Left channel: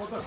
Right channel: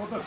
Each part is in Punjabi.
戻る。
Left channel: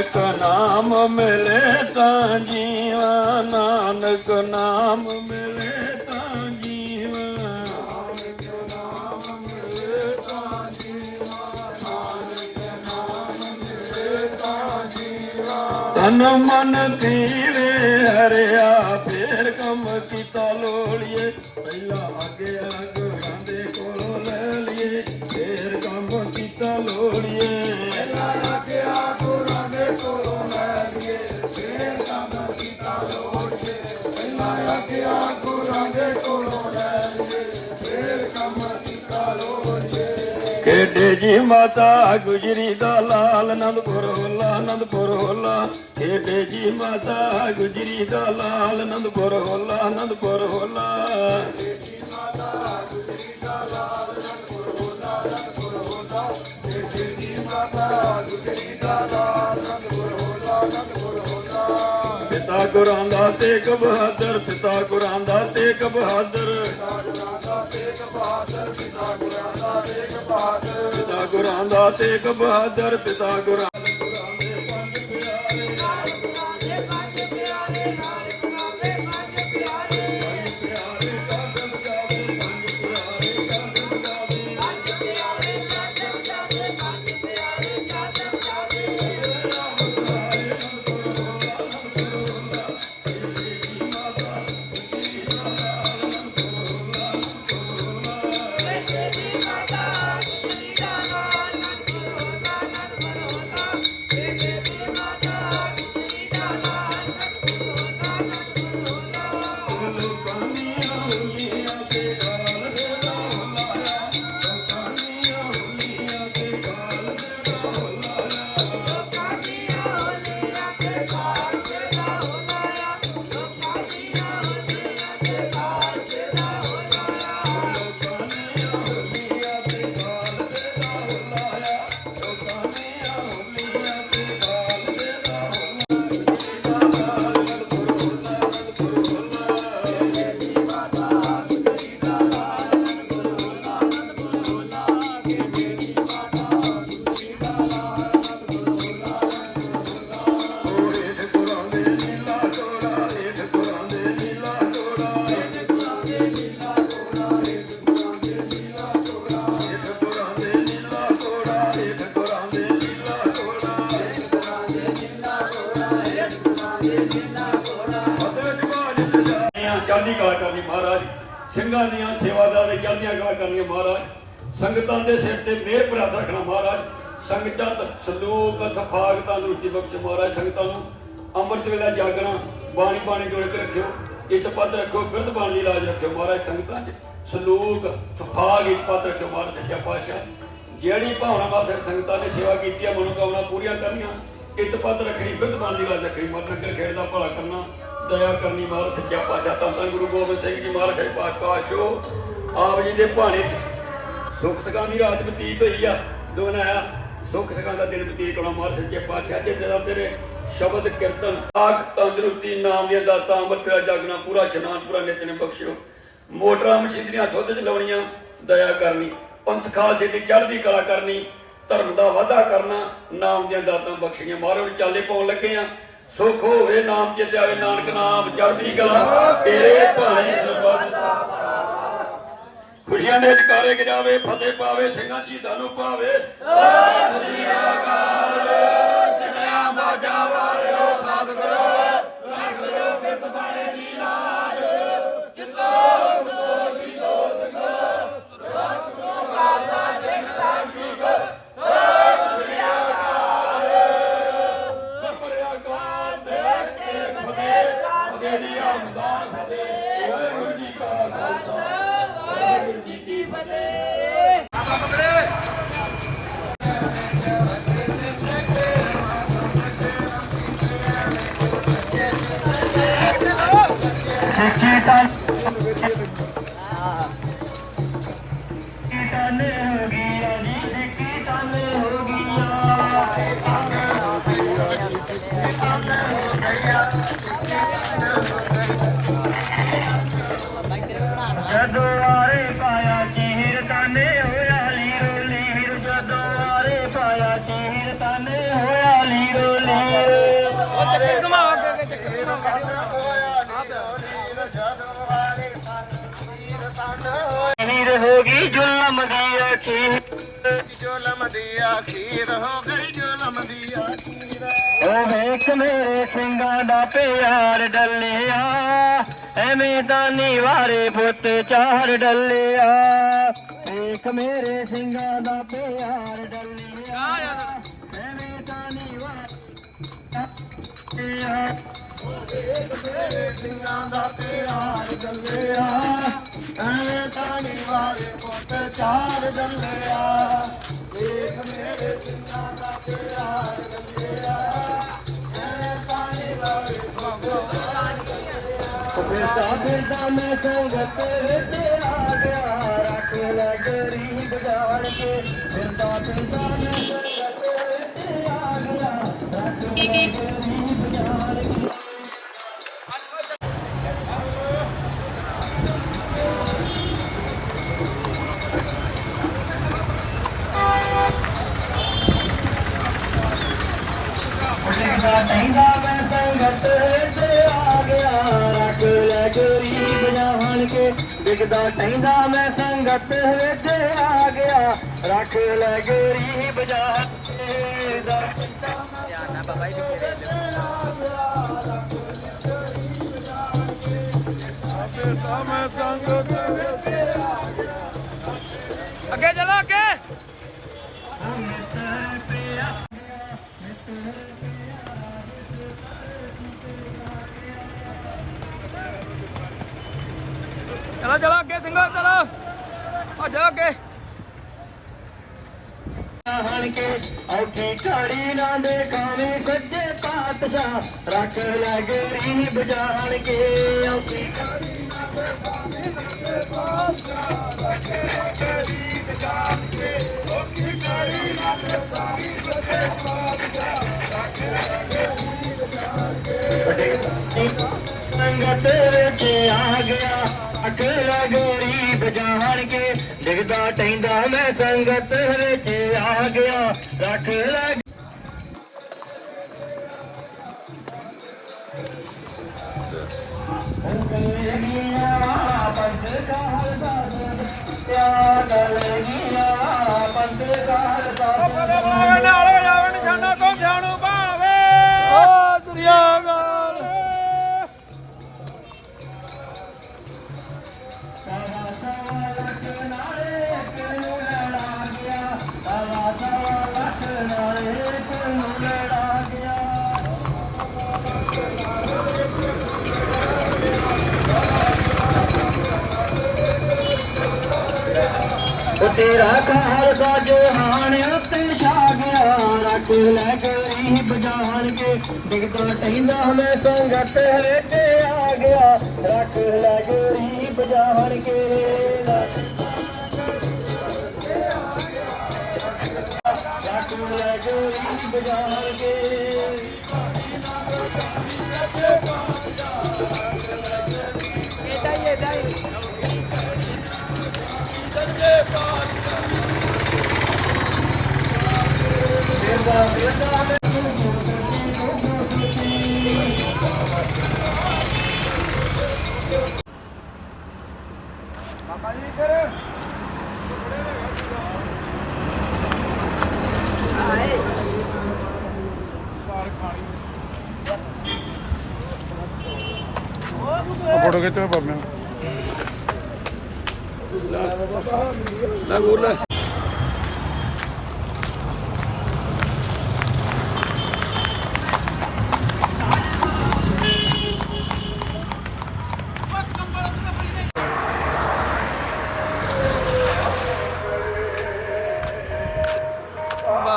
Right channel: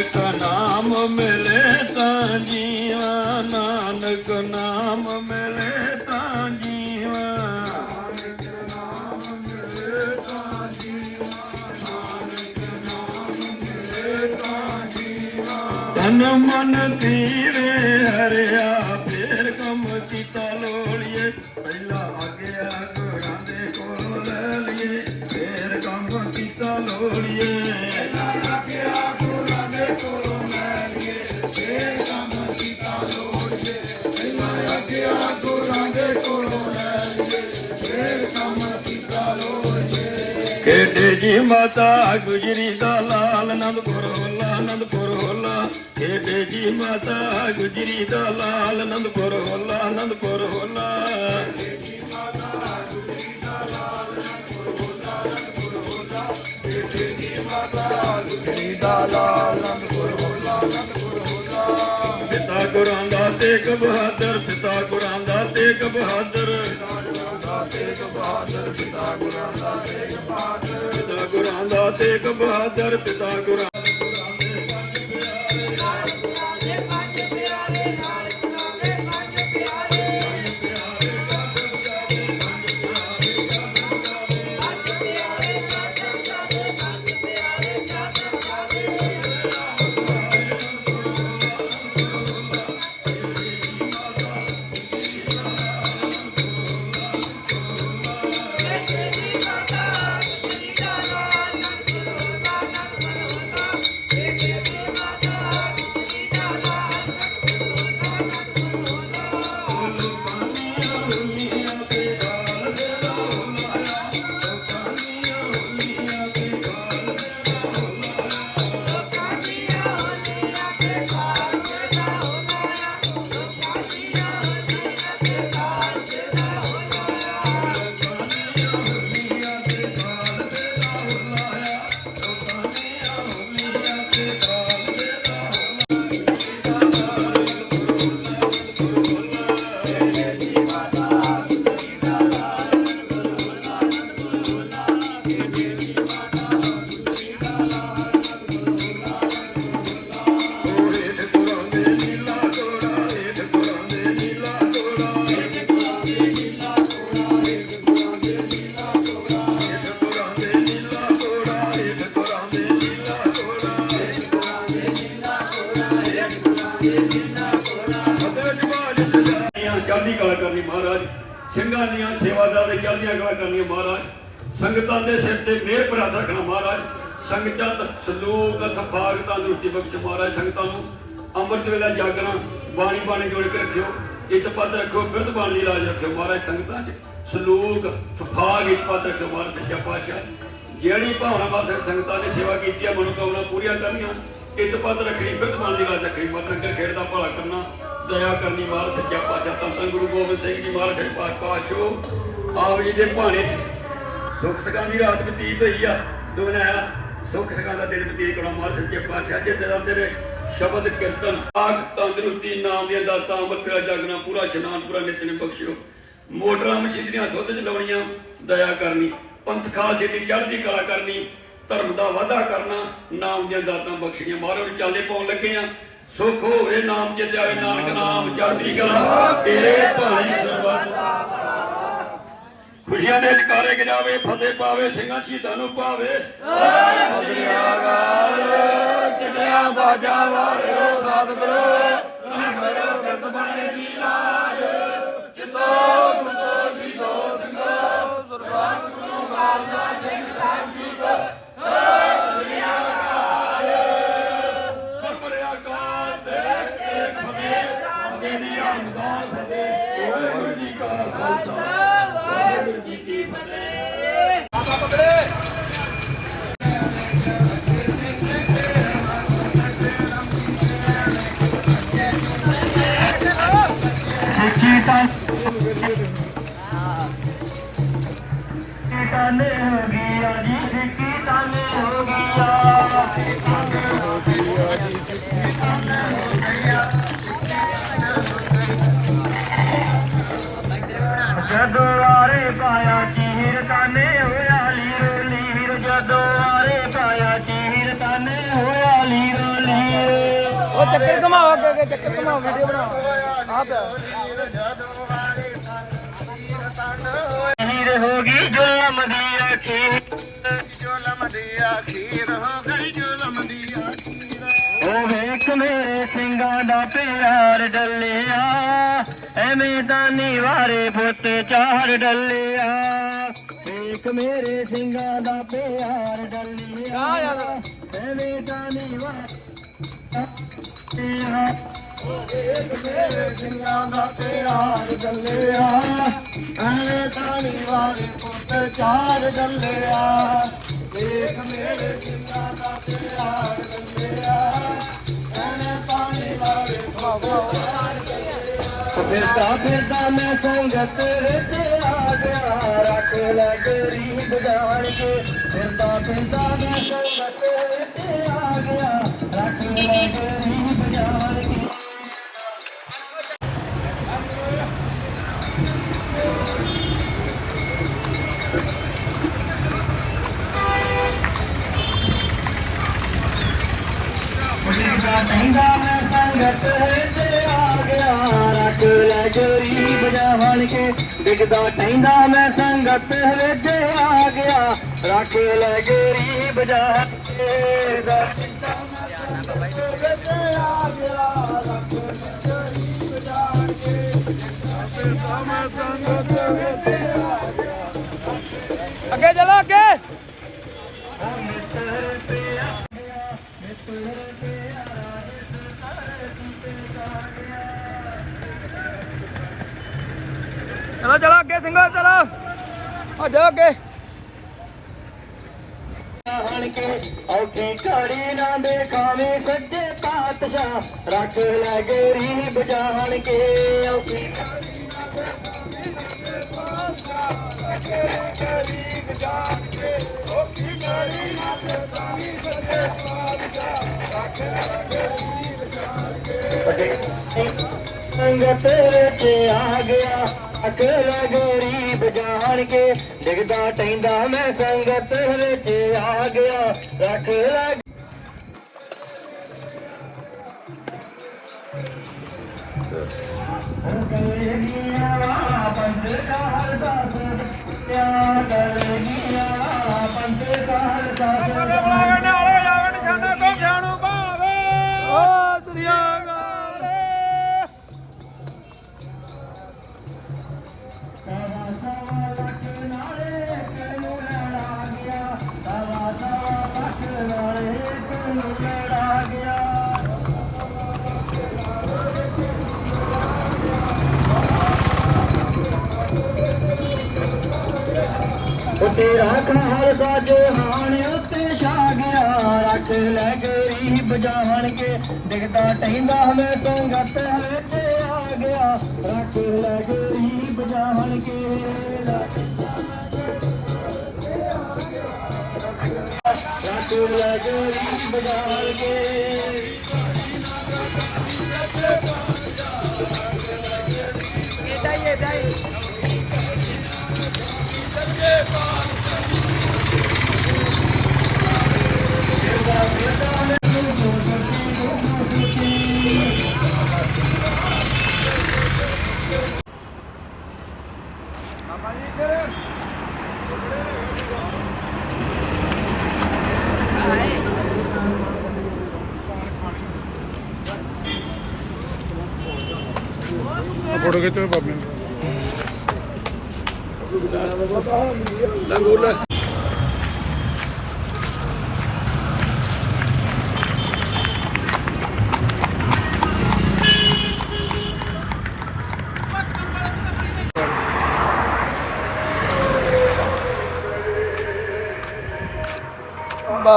ਨਾਨਕ ਨਾਮ ਮਿਲੇ ਤਾਂ ਜੀਵਾ ਨਾਨਕ ਨਾਮ ਮਿਲੇ ਤਾਂ ਜੀਵਾ ਤਨ ਮਨ ਤੀਵੇ ਖੇਡੇ ਜੀ ਮਾਤਾ ਗੁਜਰੀ ਦਾ ਲਾਲ ਆਨੰਦਪੁਰ ਹੋਲਾ ਆਨੰਦਪੁਰ ਹੋਲਾ। ਖੇਡੇ ਜੀ ਮਾਤਾ ਗੁਜਰੀ ਦਾ ਲਾਲ ਆਨੰਦਪੁਰ ਹੋਲਾ ਆਨੰਦਪੁਰ ਹੋਲਾ। ਪਿਤਾ ਗੁਰਾਂ ਦਾ ਤੇਗ ਬਹਾਦਰ ਪਿਤਾ ਗੁਰਾਂ ਦਾ ਤੇਗ ਬਹਾਦਰ ਪਿਤਾ ਗੁਰਾਂ ਦਾ ਤੇਗ ਬਹਾਦਰ ਪਿਤਾ ਗੁਰਾਂ ਦਾ ਤੇਗ ਤੇਗ ਬਹਾਦਰ ਪਿਤਾ ਗੁਰਾਂ ਸੰਗਤਾਂ ਦੇ ਸਿਰ ਤੇ ਮਿਹਰ ਪ੍ਰਾਪਤ ਰੱਖਣਾ ਮਹਾਰਾਜ। ਸੰਗਤਾਂ ਸਲੋਕ ਸਫਾਗ ਤੰਦਰੁਸਤੀ ਬਖਸ਼ ਮਹਾਰਾਜ, ਸੰਗਤਾਂ ਨੂੰ ਅੰਮ੍ਰਿਤ ਵੇਲਾ ਜਾਗਣਾ, ਬਾਣੀ ਬਾਣੀ ਜੋੜ ਕੇ ਰੱਖਿਓ, ਇੱਟ ਪੱਤ ਰੱਖਿਓ ਬਿਰਧ ਬਾਣੀ ਦੀ ਲਾਜ ਰੱਖਿਓ ਮਹਾਰਾਜ, ਸੰਗਤਾਂ 'ਚ ਸਲੋਕ, ਸਫਾਗ ਇੱਟ ਪੱਤ ਰੱਖਿਓ ਮਹਾਰਾਜ, ਸੱਚਾ ਪਾਤਸ਼ਾਹ। ਜਿਹੜੀ ਭਾਵਨਾ ਨਾਲ ਸੰਗਤਾਂ ਨੇ ਸੇਵਾ ਕੀਤੀ ਹੈ, ਮਨੋਕਾਮਨਾ ਪੂਰੀਆਂ ਕਰਨੀਆਂ, ਇੱਟ ਪੱਤ ਰੱਖਣੀ ਬਿਰਧ ਬਾਣੀ ਦੀ ਲਾਜ ਰੱਖਣੀ ਮਤ ਨਗਰ ਖੇਡ ਦਾ ਭਲਾ ਕਰਨਾ, ਦਇਆ ਕਰਨੀ ਮਹਾਰਾਜ, ਸੱਚਾ ਪਾਤਸ਼ਾਹ ਧੰਨ ਧੰਨ ਗੁਰੂ ਗੋਬਿੰਦ ਸਿੰਘ ਜੀ ਮਹਾਰਾਜ ਸੱਚਾ ਪਾਤਸ਼ਾਹ ਆਪ ਜੀ ਦੇ ਭਾਣੇ ਸੁੱਖ ਸਕਾਂ ਦੀ ਰਾਤ ਬਤੀਤ ਹੋਈ ਆ ਦੋਨਾਂ ਆ ਸੁੱਖ ਸਕਾਂ ਦਾ ਦਿਨ ਬਤੀਤ ਹੋਣਾ ਮਾਰ ਸੱਚੇ ਪਾਤਸ਼ਾਹ, ਜਿੱਥੇ ਦਾ ਤੇਰੇ ਸ਼ਬਦ ਕੀਰਤਨ ਆਖ ਤੰਦਰੁਸਤੀ ਨਾਮ ਦੀਆਂ ਦਾਤਾਂ ਅੰਮ੍ਰਿਤ ਪਿਆ ਜਾਗਣਾ, ਪੂਰਾ ਇਸ਼ਨਾਨ, ਪੂਰਾ ਨਿਤਨੇਮ ਬਖਸ਼ਿਓ। ਮੋਟਰਾਂ, ਮਸ਼ੀਨਰੀਆਂ ਸੁੱਧ ਚਲਾਉਣੀਆਂ ਦਇਆ ਕਰਨੀ, ਪੰਥ ਖਾਲਸੇ ਦੀ ਚੜ੍ਹਦੀ ਕਲਾ ਕਰਨੀ, ਧਰਮ ਦਾ ਵਾਧਾ ਕਰਨਾ, ਨਾਮ ਦੀਆਂ ਦਾਤਾਂ ਬਖਸ਼ੀਆਂ ਮਾਰੋ ਚਾਲੇ ਪਾਉਣ ਲੱਗੇ ਆ। ਸੁਖ ਹੋਵੇ ਨਾਮ ਚ ਜਾਵੇ ਨਾਨਕ ਨਾਮ ਚੜ੍ਹਦੀ ਕਲਾ। ਤੇਰੇ ਭਾਣੇ ਸਰਬੱਤ ਖੁਸ਼ੀਆਂ ਦੇ ਜਕਾਰੇ ਗਿਰਾਵੇ ਫਤਿਹ ਪਾਵੇ, ਸਿੰਘਾਂ ਸ਼ਹੀਦਾਂ ਨੂੰ ਪਾਵੇ। ਚੜਿਆ ਬਾਜਾ ਵਾਲਿਓ ਸਤਿਗੁਰੂ ਕਰੋ ਕਰਤ ਬਾਣੇ ਦੀ ਲਾਜ ਕਿਤੋ ਮੁਕੋ ਜੀ ਦੋ ਸਿੰਘੋ ਸੁਰਗਤ ਨੂੰ ਕਾਲਦਾ ਸਿੰਘ ਸਾਹਿਬ ਜੀ ਕੋ ਹਮਦਾਨ ਫਤਿਹ ਵਾਹਿਗੁਰੂ ਜੀ ਕਾ ਖਾਲਸਾ ਵਾਹਿਗੁਰੂ ਜੀ ਕੀ ਅਖੀਰ ਜ਼ੁਲਮ ਦੀ ਅਖੀਰ ਗਈ ਜ਼ੁਲਮ ਦੀ ਅਖੀਰ ਓ ਵੇਖ ਮੇਰੇ ਸਿੰਘਾਂ ਦਾ ਪਿਆਰ ਡੱਲਿਆ, ਐਵੇਂ ਤਾਂ ਨਿਵਾਰੇ ਪੁੱਤ ਚਾਰ ਡੱਲਿਆ। ਵੇਖ ਮੇਰੇ ਸਿੰਘਾਂ ਦਾ ਪਿਆਰ ਡੱਲਿਆ, ਐਵੇਂ ਤਾਂ ਨਿਵਾਰੇ ਮੇਰੇ ਸਿੰਘਾਂ ਦਾ ਪਿਆਰ ਡੱਲਿਆ ਐ ਤਾਣੀ ਵਾਲੇ ਪੁੱਤ ਚਾਰ ਡੱਲਿਆ ਵੇਖ ਮੇਰੇ ਸਿੰਘਾਂ ਦਾ ਪਿਆਰ ਡੱਲਿਆ ਐ ਤਾਣੀ ਵਾਲੇ ਪੁੱਤ ਚਾਰ ਡੱਲਿਆ ਫਿਰਦਾ ਫਿਰਦਾ ਮੈਂ ਸੰਗਤ ਵਿੱਚ ਆ ਗਿਆ ਰੱਖ ਲੈ ਗਰੀਬ ਜਾਣ ਕੇ ਫਿਰਦਾ ਫਿਰਦਾ ਮੈਂ ਸੰਗਤ ਵਿੱਚ ਆ ਗਿਆ ਰੱਖ ਲੈ ਕੇ ਡਿੱਗਦਾ ਕਹਿੰਦਾ ਮੈਂ ਸੰਗਤ ਵਿੱਚ ਆ ਗਿਆ। ਰੱਖ ਲੈ ਗਰੀਬ ਜਾਣ ਕੇ ਦਾ ਅੱਗੇ ਚਲੋ ਅੱਗੇ। ਅੱਗੇ ਸਿੰਘੋ, ਚਲੋ। ਆ ਅੱਗੇ। ਔਖੀ ਘੜੀ ਨਾ ਦੇਖਾਵੇਂ ਸੱਜੇ ਪਾਤਸ਼ਾਹ ਰੱਖ ਲੈ ਗਰੀਬ ਜਾਣ ਕੇ ਔਖੀ ਘੜੀ ਨਾ ਦੇਖਾਵੇਂ ਸੱਜੇ ਪਾਤਸ਼ਾਹ ਰੱਖ ਲੈ ਗਰੀਬ ਜਾਣ ਕੇ ਔਖੀ ਘੜੀ ਨਾ ਦੇਖਾਵੇਂ ਸੱਜੇ ਪਾਤਸ਼ਾਹ ਰੱਖ ਲੈ ਗਰੀਬ ਜਾਣ ਕੇ ਸੰਗਤ ਵਿੱਚ ਆ ਗਿਆ ਰੱਖ ਲੈ ਗਰੀਬ ਜਾਣ ਕੇ ਡਿੱਗਦਾ ਟੈਂਦਾ ਮੈਂ ਸੰਗਤ ਵਿੱਚ ਆ ਗਿਆ ਰੱਖ ਲੈ ਜਾਣਗੇ ਡਿਗਦਾ ਟਹਿੰਦਾ ਮੈਂ ਸੰਗਤ ਵਿੱਚ ਆ ਗਿਆ ਰੱਖ ਲੈ ਗਰੀਬ ਜਾਣਗੇ ਰੱਖ ਲੈ ਗਰੀਬ ਜਾਣਗੇ Yeah.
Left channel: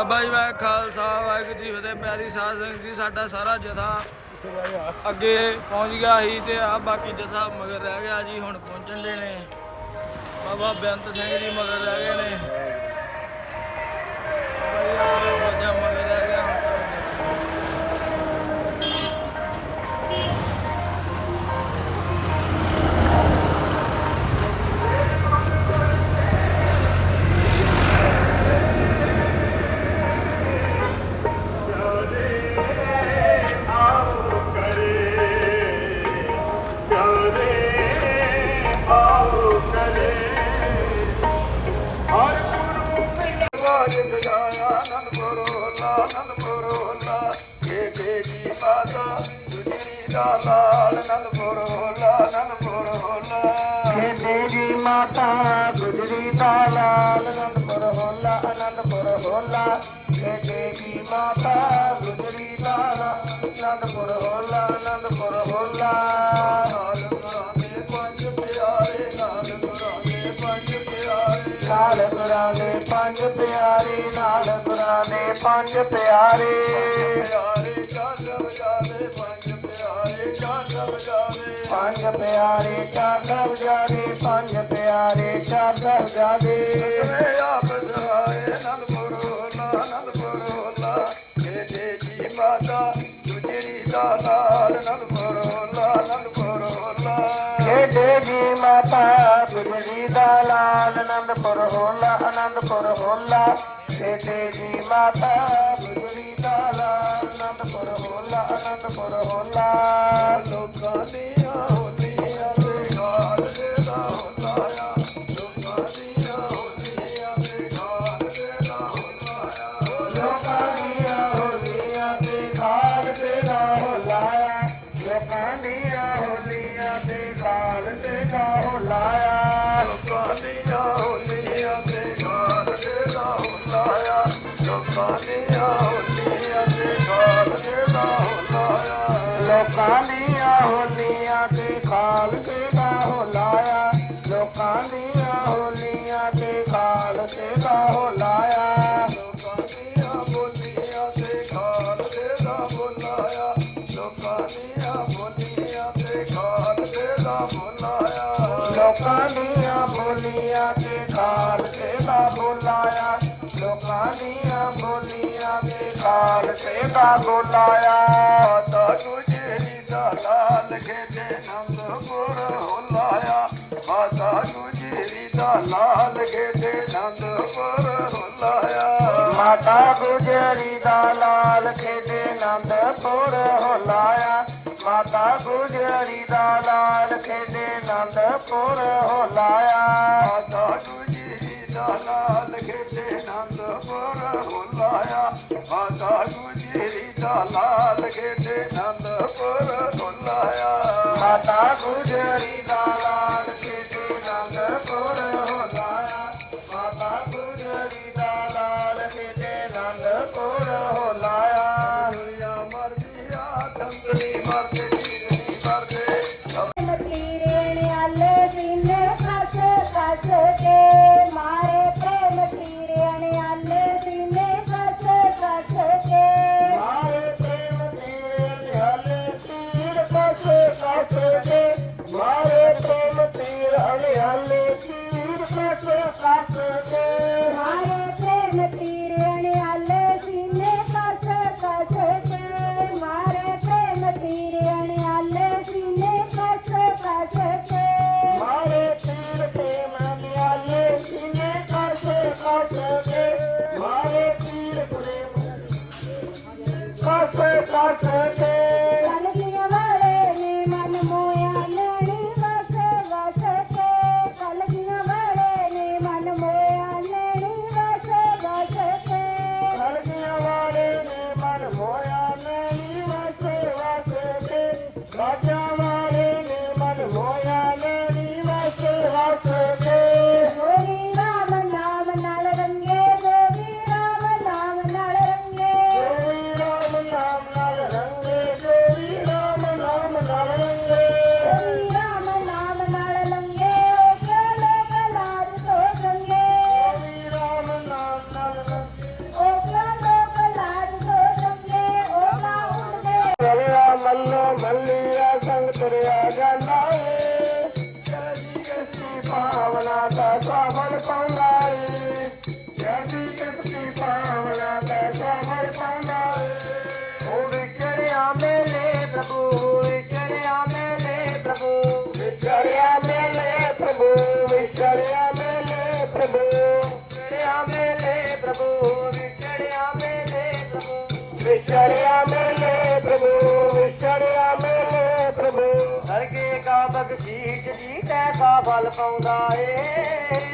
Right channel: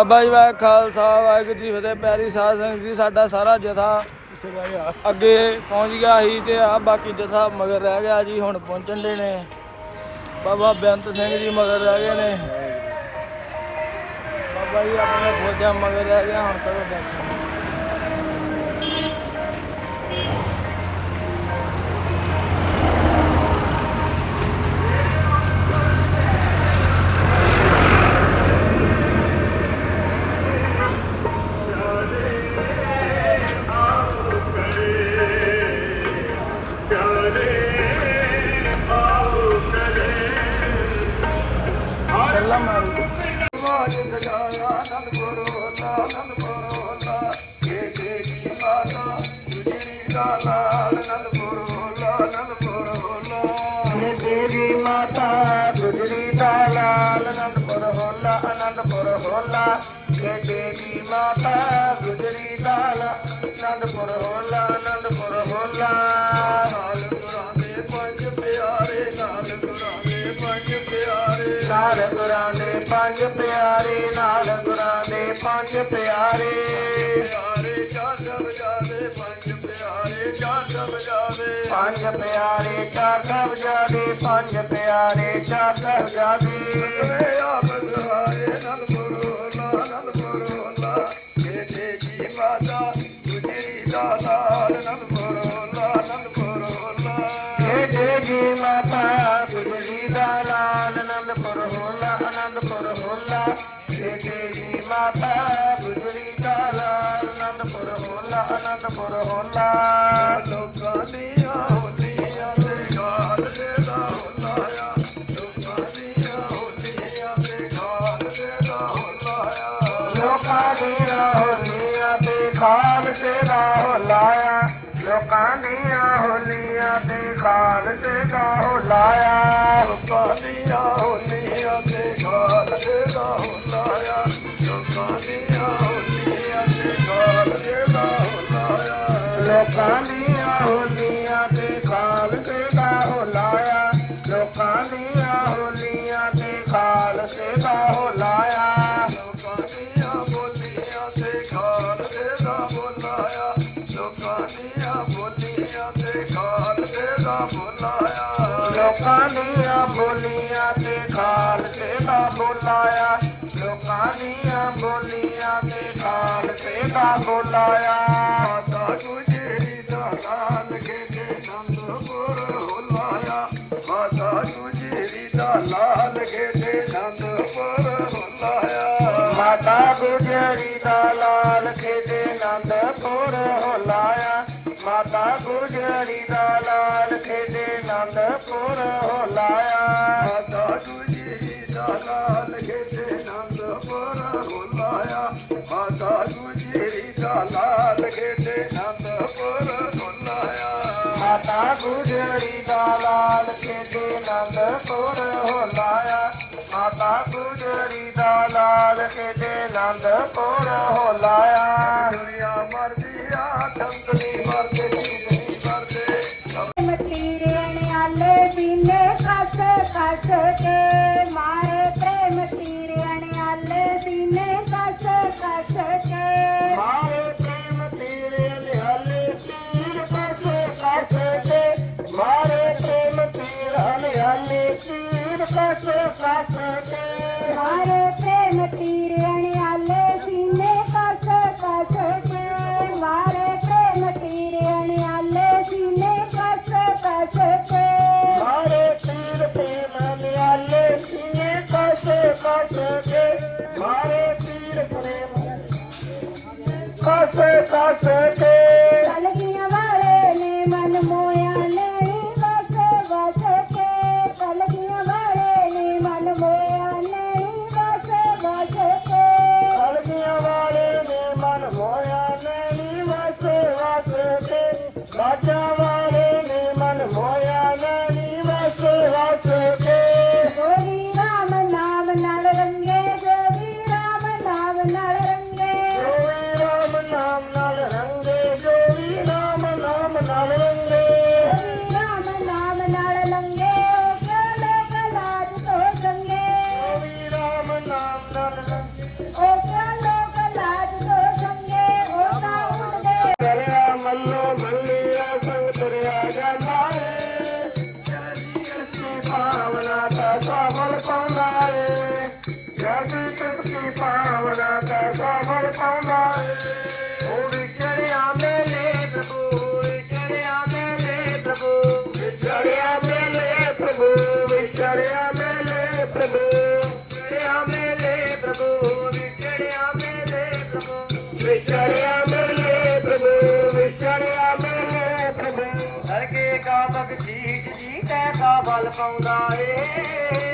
ਬਾਬਾ ਜੀ ਵਾਹਿ ਖਾਲਸਾ, ਵਾਹਿਗੁਰੂ ਜੀ ਫਤਿਹ, ਪਿਆਰੀ ਸਾਧ ਸੰਗਤ ਜੀ, ਸਾਡਾ ਸਾਰਾ ਜਥਾ ਅੱਗੇ ਪਹੁੰਚ ਗਿਆ ਸੀ ਤੇ ਆ ਬਾਕੀ ਜਥਾ ਮਗਰ ਰਹਿ ਗਿਆ ਜੀ, ਹੁਣ ਪਹੁੰਚਣ ਦੇ ਨੇ। ਬਾਬਾ ਬੇਅੰਤ ਸਿੰਘ ਜੀ ਮਗਰ ਰਹਿ ਗਏ ਨੇ। ਬਾਬਾ ਜੀ ਆਪਣੇ ਫੌਜਾਂ ਮਗਰ ਰਹਿ ਗਿਆ ਹੁਣ ਕਰੋ మాత का बुलाया ਨਾਲ ਖੇਡੇ ਨੰਦਪੁਰ ਹੋ ਲਾਇਆ ਮਾਤਾ ਗੁਜਰੀ ਦਾ ਲਾਲ ਖੇਡੇ ਨੰਦਪੁਰ ਹੋ ਲਾਇਆ ਦੁਨੀਆ ਮਰਦੀ ਆ ਕੰਗਰੀ ਮਰਦੇ ਨਹੀਂ ਮਰਦੇ ਮਤੀਰੇ ਨੇ ਆਲੇ ਪੀਲੇ ਖਾਸੇ ਖਾਸੇ ਕੇ पौराए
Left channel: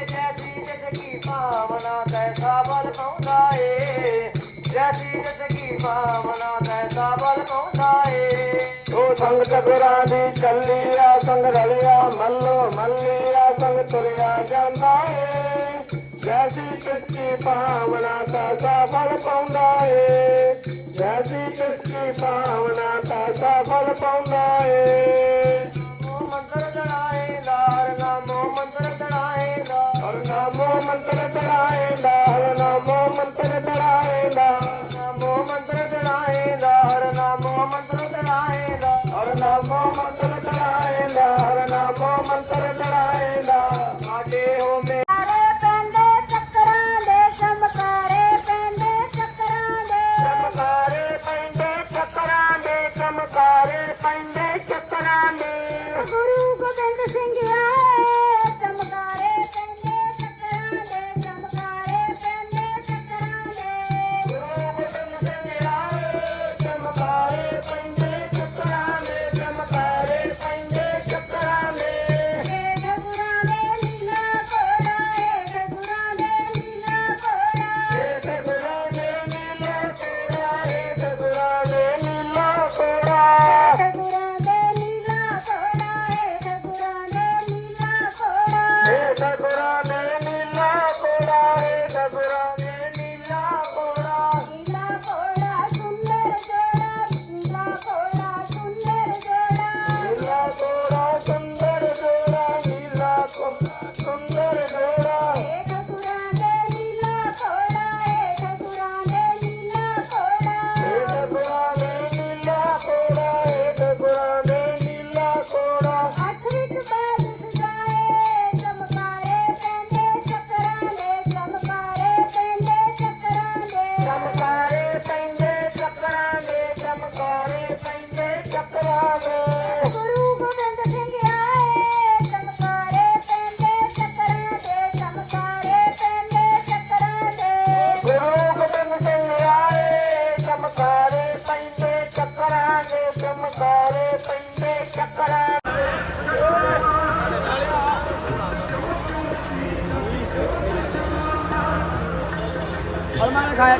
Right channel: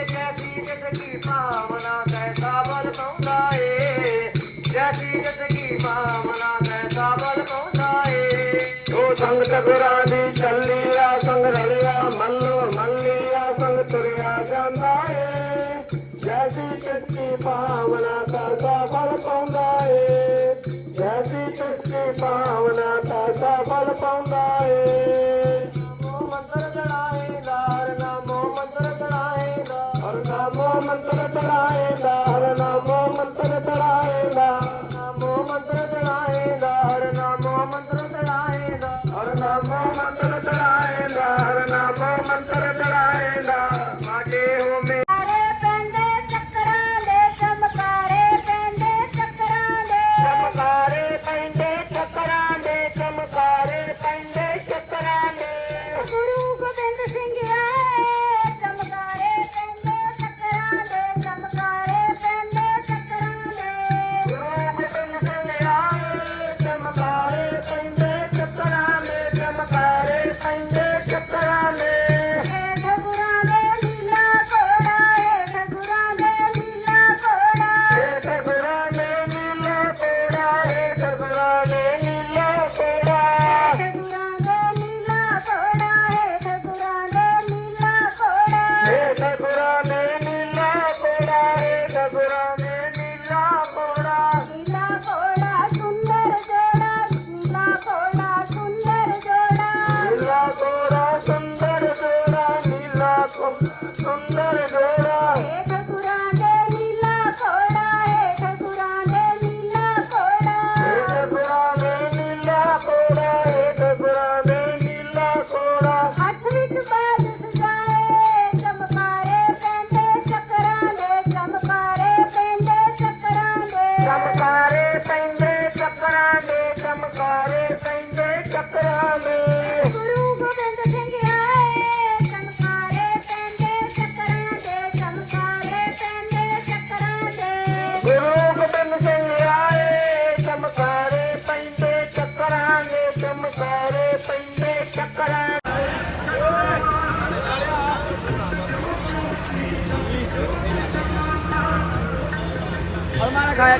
खाया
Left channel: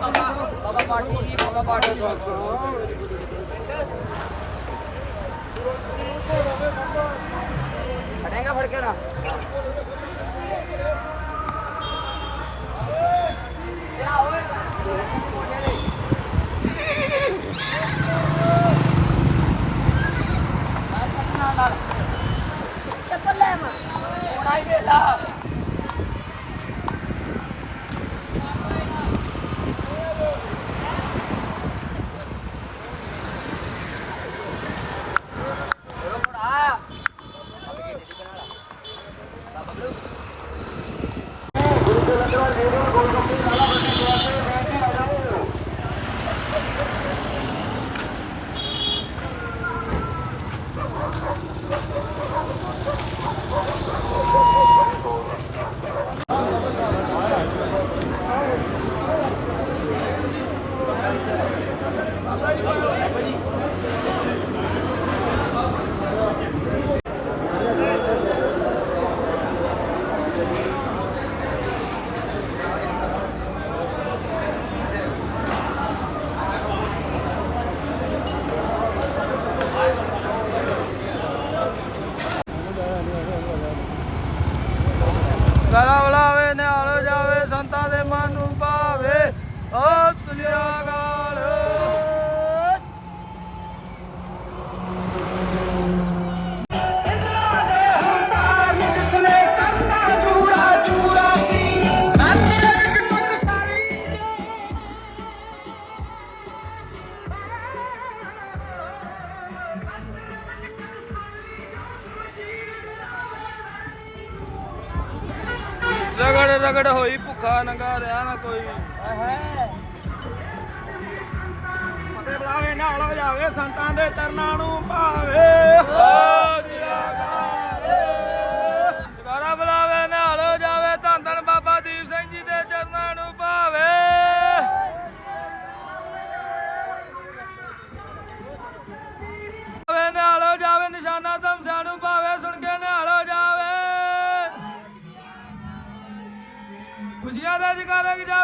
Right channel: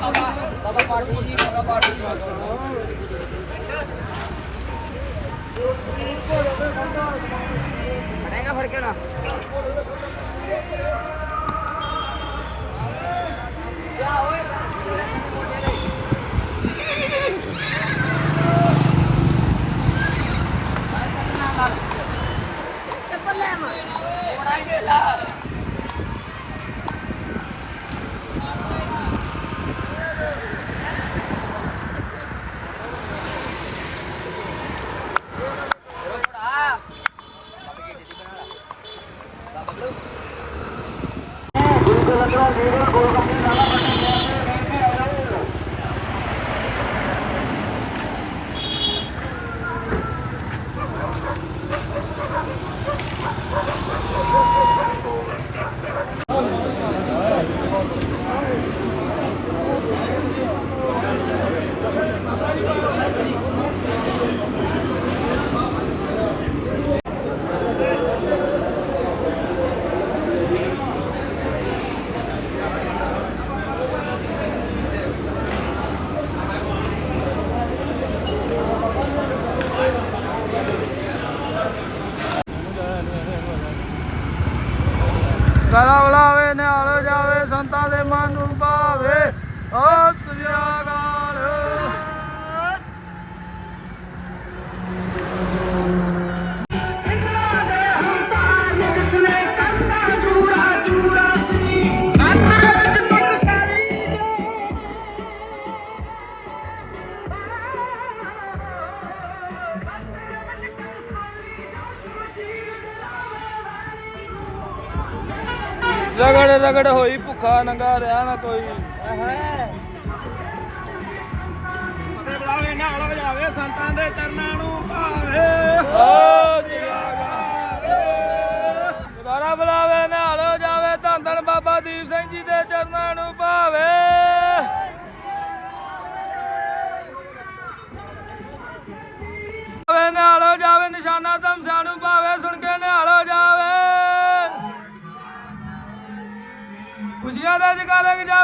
बाबा बाबा पार्टी पार्टी ਰਗੜ ਹੋਈ ਭੁੱਖਾ ਨੰਗਾ ਰਿਹਾ ਨਾ ਕੋਈ। ਤੇ ਬੁਲਾਵੇ ਨਾਲ ਹੋ ਜਾਵੇ ਸੰਤਾਂ ਦੇ ਚਰਨਾਂ ਨੂੰ ਭਾਵੇ। ਬੁਲਾਵੇ। ਖੁਸ਼ੀਆਂ ਦਾ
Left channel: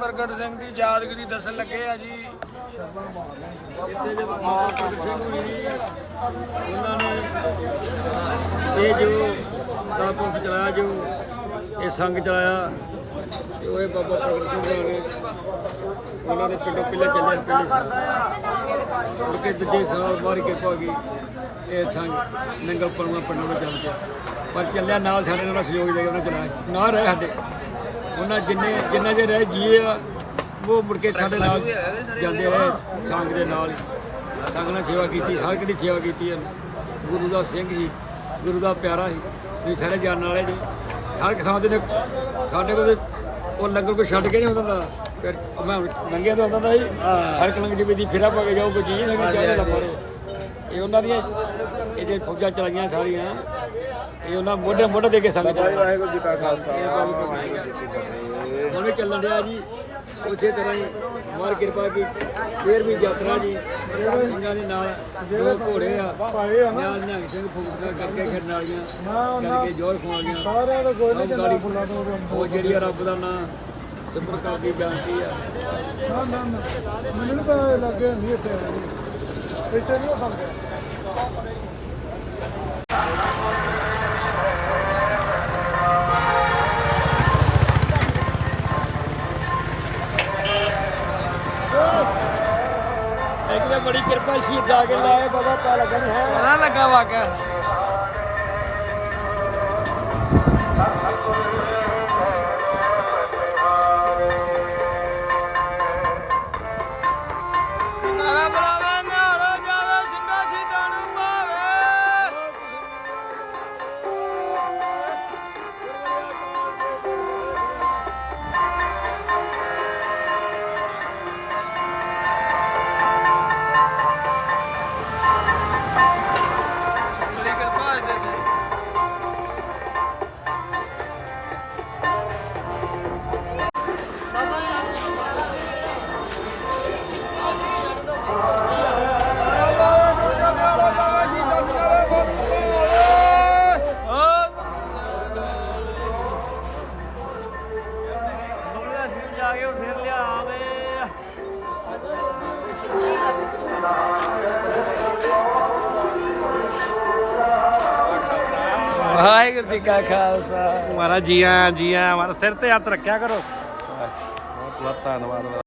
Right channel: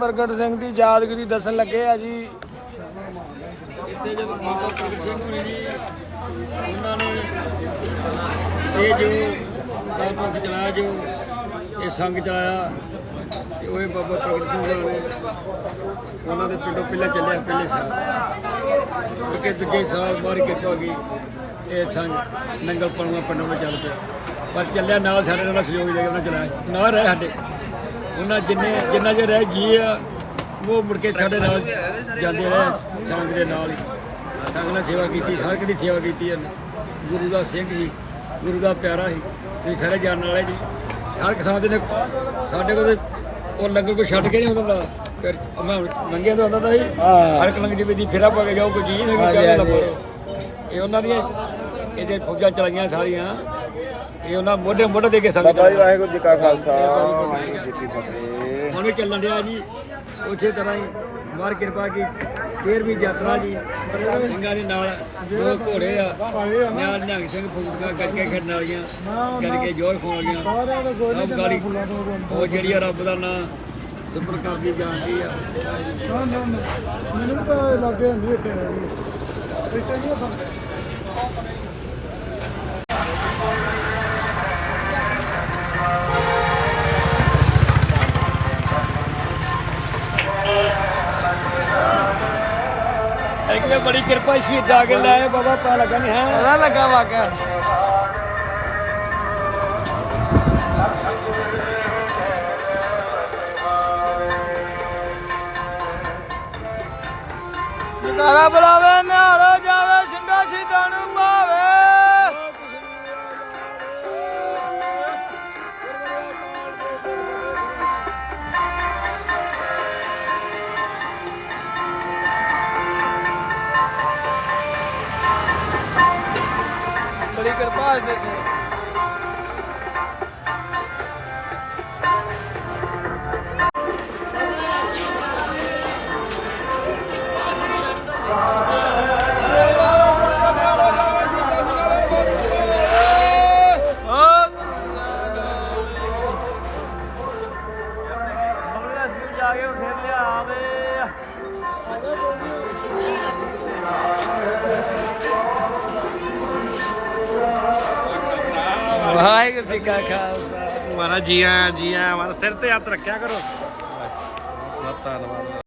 ਪ੍ਰਗਟ ਸਿੰਘ ਦੀ ਯਾਦਗਿਰੀ ਦੱਸਣ ਲੱਗੇ ਆ ਜੀ। ਇੱਥੇ ਜਦੋਂ ਬਾਬਾ ਪ੍ਰਗਟ ਸਿੰਘ ਹੋਏ ਨੇ ਉਹਨਾਂ ਨੇ ਇਹ ਜੋ ਦਾਤੋਂ ਚਲਾਇਆ, ਜੋ ਇਹ ਸੰਗ ਚਲਾਇਆ, ਤੇ ਉਹ ਬਾਬਾ ਪ੍ਰਗਟ ਸਿੰਘ ਹੋਏ ਉਹਨਾਂ ਦੇ ਪਿੰਡੋਂ ਪਹਿਲੇ ਚੱਲਿਆ, ਪਹਿਲੇ ਸਾਲ। ਮੁੜ ਦੂਜੇ ਸਾਲ ਬਾਹਰ ਕਿਰਪਾ ਗਈ। ਇਹ ਸੰਗ ਨੰਗਲ ਪਣਵਾ ਪਿੰਡੋਂ ਵਿੱਚ ਚੱਲ ਪਿਆ। ਪਰ ਚੱਲਿਆ ਨਾਲ ਸਾਡੇ ਨਾਲ ਸਹਿਯੋਗ ਦੇ ਕੇ ਉਹਨਾਂ ਚਲਾਇਆ। ਨਾ ਰਹੇ ਸਾਡੇ। ਉਹਨਾਂ ਜਿੰਨੇ ਜਿੰਨਾ ਜੇ ਰਹਿ ਜੀਏ ਆ ਉਹ ਮੁੜ ਕੇ ਸਾਡੇ ਨਾਲ ਜਾਂਦੇ ਰਹੇ ਸੰਗ ਦੇ ਨਾਲ ਹੀ। ਸੰਗ ਨਾਲ ਸੇਵਾ ਕੀਤੀ ਹਰ ਇੱਕ ਦੀ ਸੇਵਾ ਕੀਤੀ ਉਹਨੇ ਗੁਰੂ ਦਾ ਸਿੰਘ ਹੀ ਗੁਰੂ ਦਾ ਪਿਆਰਾ ਸੀ। ਤੁਸੀਂ ਸਾਰੇ ਜਾਣਨ ਵਾਲੇ ਜੀ। ਹਰ ਕਿਸਾਨ ਦੇ ਸਾਡੇ ਕੋਲ ਉਹ ਲੰਗਰ ਕੋਈ ਛੱਡ ਕੇ ਨਹੀਂ ਹੁੰਦਾ। ਫਿਰ ਮੈਂ ਮੰਗਿਆ ਤਾਂ ਹੁੰਦਾ ਹੁੰਦਾ ਸੀ। ਹਰ ਇੱਕ ਲੰਗਰ ਦੀ ਫੇਰਾ ਪਾ ਕੇ ਜਾਓ ਕੋਈ ਚੀਜ਼ ਨਹੀਂ ਕਿ ਚਾਹੇ ਨਾ ਮਾਰੋ ਇਹ ਉਹਨਾਂ ਦੀਆਂ ਇਹਦੇ ਫੌਜਾਂ ਚਲਾਈਆਂ ਸਾਰੀਆਂ ਇਹ ਉਹਨਾਂ ਮੋਢੇ ਮੋਢੇ ਦੇ ਕੇ ਸੰਗ ਚਲਾਇਆ ਵਾਹਿਗੁਰੂ ਜੀ ਕਾ ਖਾਲਸਾ ਹੁਣ ਵੀ ਚੱਲਣ ਡਿਆ ਜੀ ਉਸੇ ਤਰ੍ਹਾਂ ਹੀ ਮਾਰ ਕਿਰਪਾ ਕੀ 13ਵੀਂ ਯਾਤਰਾ ਜੀ ਸਿੰਘਾਂ ਦੇ ਨਾਲ ਦੋ ਘੋੜੇ ਆ ਨਾਲ ਨਿਹੰਗ ਸਿੰਘ ਫੂਕੀਆਂ ਕਰਕੇ ਖੜਨ ਵਾਲੀਆਂ ਕਰਕੇ ਜੋਰ ਖਵਾ ਗਈਆਂ ਸਭ ਗਾੜੀ। ਉਹ ਜਿਹੜੀ ਆ ਰੱਬ ਦਾ ਨਾਂ ਸਿਮਰ ਕਰਦੀ ਜਾਂਦੀ ਆ। ਨਾ ਨਾ। ਮੈਨੂੰ ਤਾਂ ਲੱਗੇ ਨਹੀਂ ਇੱਥੇ। ਇੱਕ ਵੇ ਬੜੀ ਕਿਰਪਾ ਸ਼ਹੀਦਾਂ ਕੇ ਲੈ ਬਾਬਾ ਪਾ ਲੱਗਾ ਨਹੀਂ ਹੈ। ਪਤਾ ਲੱਗਾ ਵਾਕਿਆ ਤਾਰਾ ਬੁਲਾਵੇ ਨਿਹਾਲੋ ਬੜੀ ਕਿਰਪਾ ਦੇ ਜੀ ਆਇਆਂ ਜੀ ਆਇਆਂ ਸਿਰ ਤੇ ਹੱਥ ਰੱਖਿਆ ਕਰੋ। ਬਹੁਤ ਬਹੁਤ ਧੰਨਵਾਦ।